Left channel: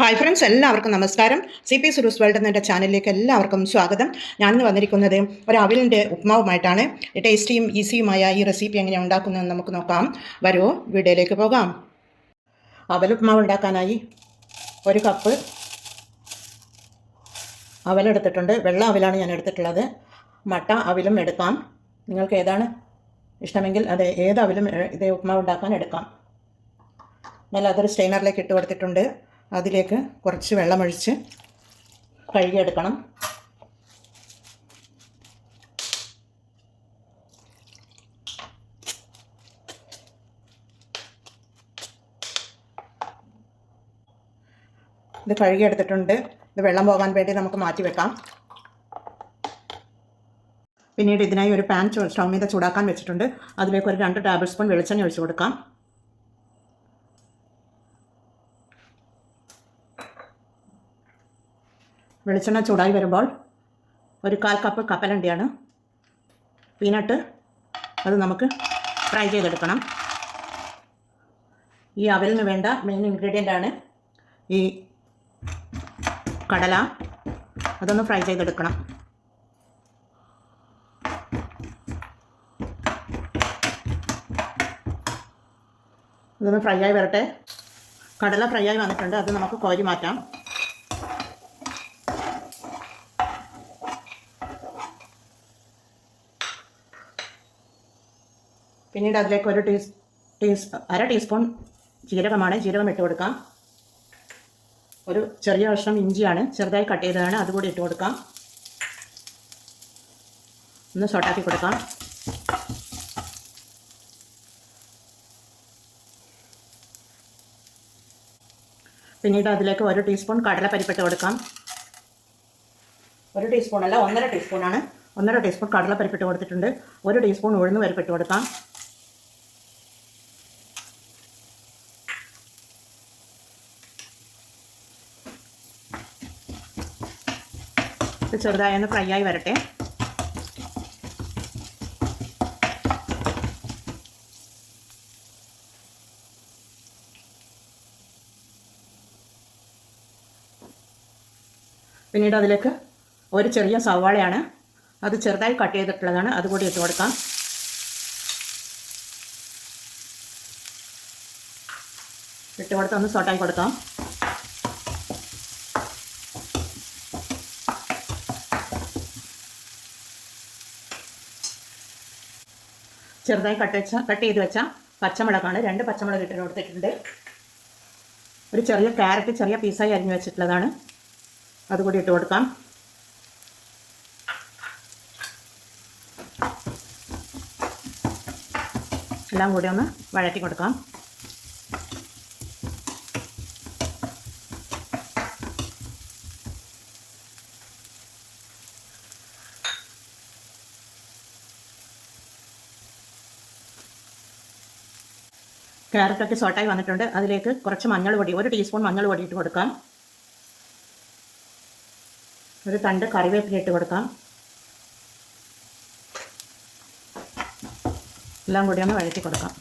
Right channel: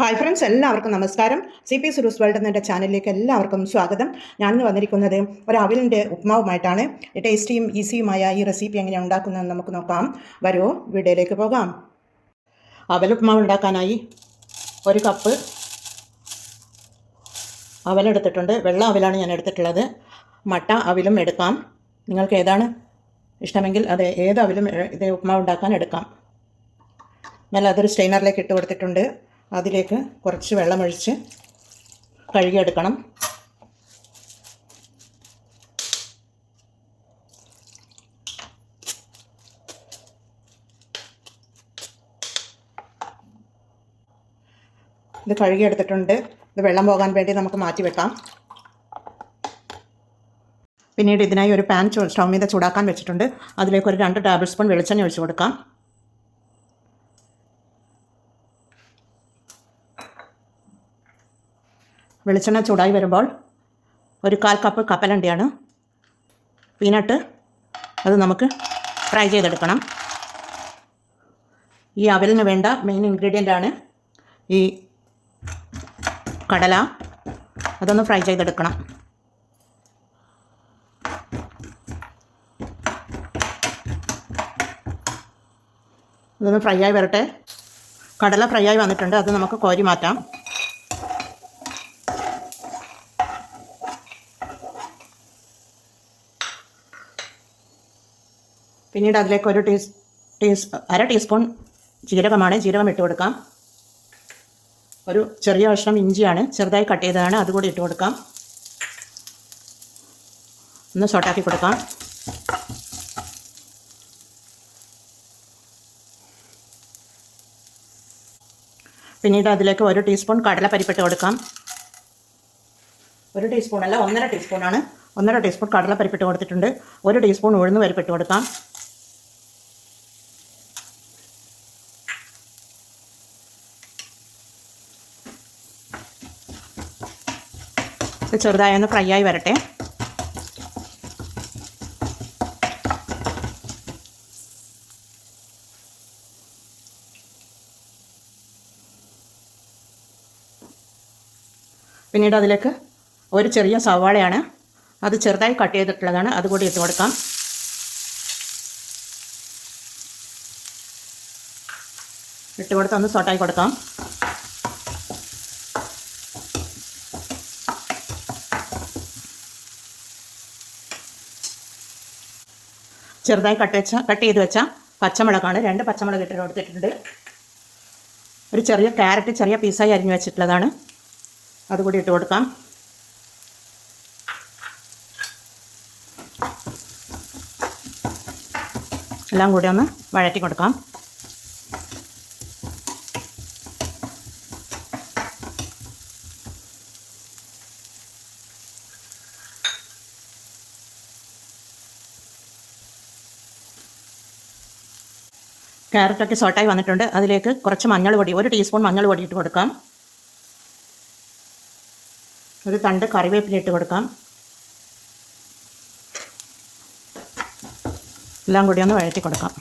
Hi friends എല്ലാവർക്കും നമസ്കാരം. C P സുരൂസ് world എന്ന ചാനലിലേക്ക് എല്ലാവർക്കും സ്വാഗതം. ഞാനിന്ന് വന്നിരിക്കുന്നത് ഒരു അവിലിന്റെ ഉപ്മാവുമായിട്ടാണ്. ടേസ്റ്റിയും ഈസിയുമായ ഈ റെസിപ്പി എങ്ങനെ ഉണ്ടാക്കുന്നതെന്ന് നമുക്ക് നോക്കാം. വരൂ വീഡിയോയിലേക്ക് പോകാം. അവൽ ഉപ്മാവ് ഉണ്ടാക്കാനായി ഒരു കപ്പ് അവലെടുത്തിട്ടുണ്ട് വെള്ള അവലാണ് ഞാൻ എടുത്തിട്ടുള്ളത്. മട്ട അവിലും എടുക്കാം. നിങ്ങൾക്ക് ഏതാണ് ഇഷ്ടമെങ്കിൽ അത് ഏത് അവിലും ഇത് ഉപ്മാവ് ഉണ്ടാക്കാൻ എടുക്കാം. ഞാൻ അതൊരു സ്റ്റെയിനറിലേക്ക് ഇട്ട് കൊടുത്തിട്ടുണ്ട്. അതിലേക്ക് കുറച്ച് വെള്ളമൊഴിച്ച് കഴുകിയെടുക്കണം. ഇത് കഴുകിയെടുത്തിട്ടുണ്ട്. ഇത് വെള്ളം പോകാൻ വേണ്ടി നമുക്ക് മാറ്റി വെക്കാം. പിന്നീട് ഇതിനായി ഒരു പാൻ ചു- സ്റ്റൗ മീത ചൂടാക്കാൻ വെച്ചിട്ടുണ്ട്. അതിലേക്ക് ഒരു രണ്ട് ടേബിൾ സ്പൂൺ വെളിച്ചെണ്ണ ഒഴിച്ചു കൊടുക്കാം. വെളിച്ചെണ്ണ ചൂടായി വരുമ്പോൾ ഒരു കാൽ കപ്പ് കപ്പലണ്ടിയാണ്. പീനട്ട് അത് നമുക്ക് ഫ്രൈ ചെയ്തെടുക്കണം. ഈ അവലിന് വേണ്ട മെയിൻ ഇൻഗ്രീഡിയന്റ് ആണ് ഈ കടല. അതൊന്ന് ഫ്രൈ ചെയ്തെടുക്കണം. ഇതൊന്ന് ഫ്രൈ ആയി വരട്ടെ. കടല ഫ്രൈ ആയി വന്നിട്ടുണ്ട്. അത് നമുക്ക് കോരി മാറ്റാം. പിന്നീട് അതിലേക്ക് ഒരു ടീസ് ടീസ് അര ടീസ്പൂൺ ജീരകമാണ്. ജീരകം ഇട്ട് കൊടുക്കാം. ഒരു ചെറിയ കഷ്ണം ഇഞ്ചിയാണ്. ചെറുതായി കട്ട് ചെയ്തതാണ്. അതുകൂടി ഇട്ട് കൊടുക്കാം. ഒന്ന് സോട്ടാക്കി കൊടുക്കാം. പിന്നീട് അതിലേക്ക് ഒരു ടീസ്പൂൺ കടലപ്പരിപ്പിട്ട് കൊടുക്കാം. ഒരു ടീസ്പൂൺ അല്ല ഒന്നര ടീസ്പൂണാണ് ഒന്നര ടീസ്പൂൺ കടലപ്പരിപ്പിട്ട് കൊടുത്തിട്ടുണ്ട്. ഒരു ടീസ്പൂൺ ഉഴുന്ന് പരിപ്പിട്ട് കൊടുക്കാം. ഇത് ചെറുതായി ഒന്ന് ഫ്രൈ ആയി വരട്ടെ. പിന്നീട് അതിലേക്ക് ഒരു ചെറിയ സവാളയാണ്. അത് ചെറുതായി കട്ട് ചെയ്തിട്ടുള്ളതാണ്. അതുകൂടി ഇട്ട് കൊടുക്കാം. ഇട്ട് കൊടുത്ത് ഒന്ന് സോട്ടായി കൊടുക്കാം. ചെറുതായി കട്ട് വെച്ച കട്ട് ചെയ്ത് വെച്ച പച്ചമുളകാണ്. രണ്ട് പച്ചമുളക് ഇട്ട് കൊടുത്തിട്ടുണ്ട് ഒരു ചെറിയ ക്യാരറ്റ് ചെറിയ പീസായി അരിഞ്ഞു വെച്ചിട്ടുള്ളതാണ്. അതുകൂടി ഇട്ട് കൊടുക്കാം. എല്ലാം കൂടി ഒന്ന് വഴറ്റി കൊടുക്കാം. ക്യാരറ്റൊക്കെ സോട്ടായി വന്നിട്ടുണ്ട്. അതിലേക്ക് കുറച്ച് മഞ്ഞൾ പൊടി ഒരു ടീസ്പൂൺ മഞ്ഞൾ പൊടി ഇട്ട് കൊടുക്കാം. ഒരു തണ്ട് കറിവേപ്പില ഇട്ട് കൊടുക്കാം. എല്ലാം കൂടി ഒന്ന് വഴറ്റി കൊടുക്കാം.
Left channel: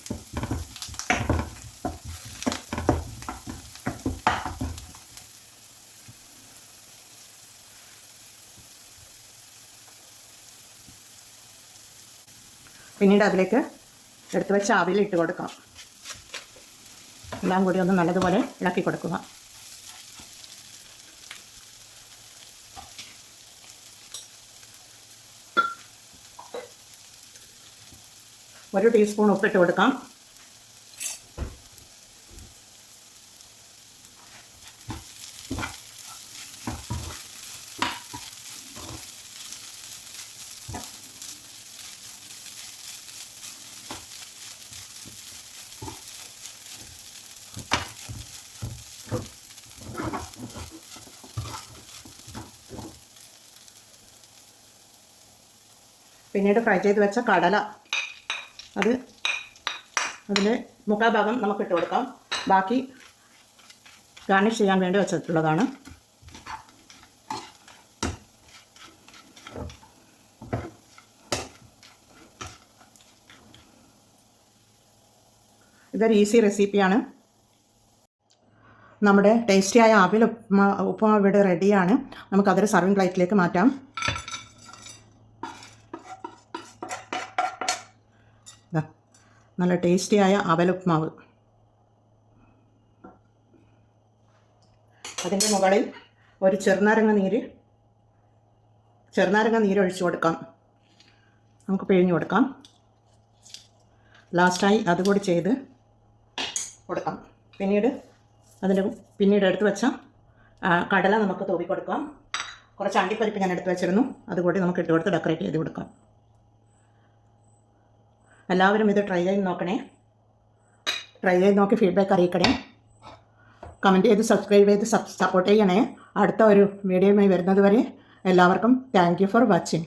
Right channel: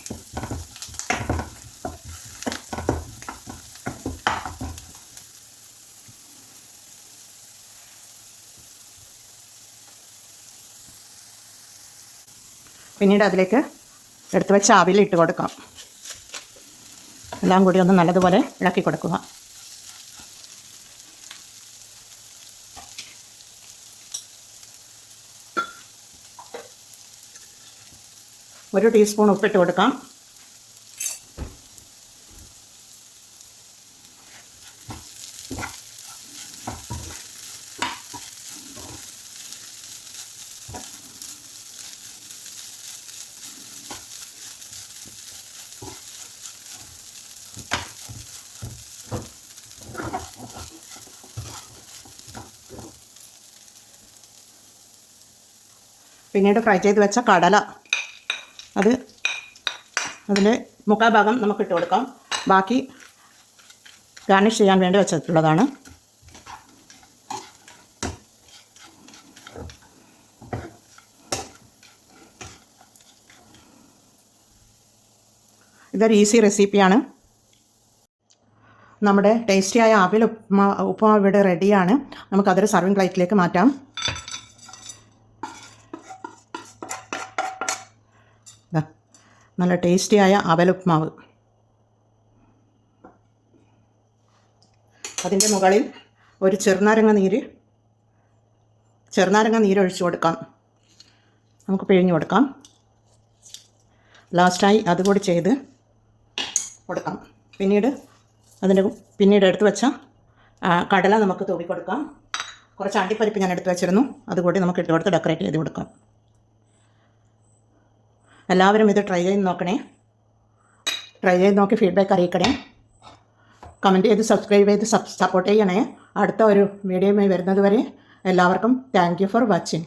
പിന്നീട് അതിലേക്ക് എടുത്തു വെച്ച അവിലിട്ട് കൊടുക്കാം. എല്ലാം കൂടി ഒന്ന് നല്ലതുപോലെ ഇളക്കി കൊടുക്കുക. ഒരു ടീസ്പൂൺ ഉപ്പിട്ട് കൊടുക്കാം. പിന്നീട് ഫ്രൈ ചെയ്ത് വെച്ച കടല. അത് അതിൽ മുക്കാൽ ഭാഗം നമുക്ക് ഇട്ട് കൊടുക്കാം. ബാക്കി ഗാർണിഷ് ചെയ്യാൻ വേണ്ടി വെച്ചിട്ടുള്ളതാണ്. ഇതൊരു ഈസി റെസിപ്പിയാണ്. നമ്മുടെ ടേസ്റ്റിയായ ആവിൽ ഉപ്പ് ഉപ്പുമാവ് ഇവിടെ റെഡിയാണ് നമുക്കതൊരു സർവിങ് പ്ലേറ്റിലേക്ക് മാറ്റാം. നല്ല ടേസ്റ്റിയായ അവലുപ്മാവ്. അതിന്റെ മുകളിൽ ഒരു ചെറുനാരങ്ങ നീര് ചെറുനാരങ്ങ നീര് ഒഴിച്ചു കൊടുക്കാം. നമുക്ക് പിഴിഞ്ഞു കൊടുക്കാം. ലാസ്റ്റായി അതുകൂടി ചെയ്ത് കൊടുക്കാം. പിന്നീട് അതിന്റെ പിന്നീട് എടുത്ത് വെച്ച കടല നമുക്ക് തൂവി കൊടുക്കാം കുറച്ച് അണ്ടിപ്പരിപ്പ് ഞാൻ എടുത്ത് വെച്ചിരുന്നു. അതുകൂടി നമുക്ക് ഇട്ട് കൊടുത്ത് ഡെക്കറേറ്റ് ചെയ്ത് കൊടുക്കാം. എല്ലാവരും ഇത് ട്രൈ ചെയ്ത് നോക്കണേ. ട്രൈ ചെയ്ത് നോക്കി ഫീഡ്ബാക്ക് അറിയിക്കണേ. കമന്റ് ചെയ്ത് സബ്സ്ക്രൈബ് ചെയ്ത് സപ്പോർട്ട് ചെയ്യണേ. അടുത്ത ഒരു വീഡിയോയുമായി വരുന്നത് വരെ എല്ലാവർക്കും താങ്ക് ഫോർ വാച്ചിങ്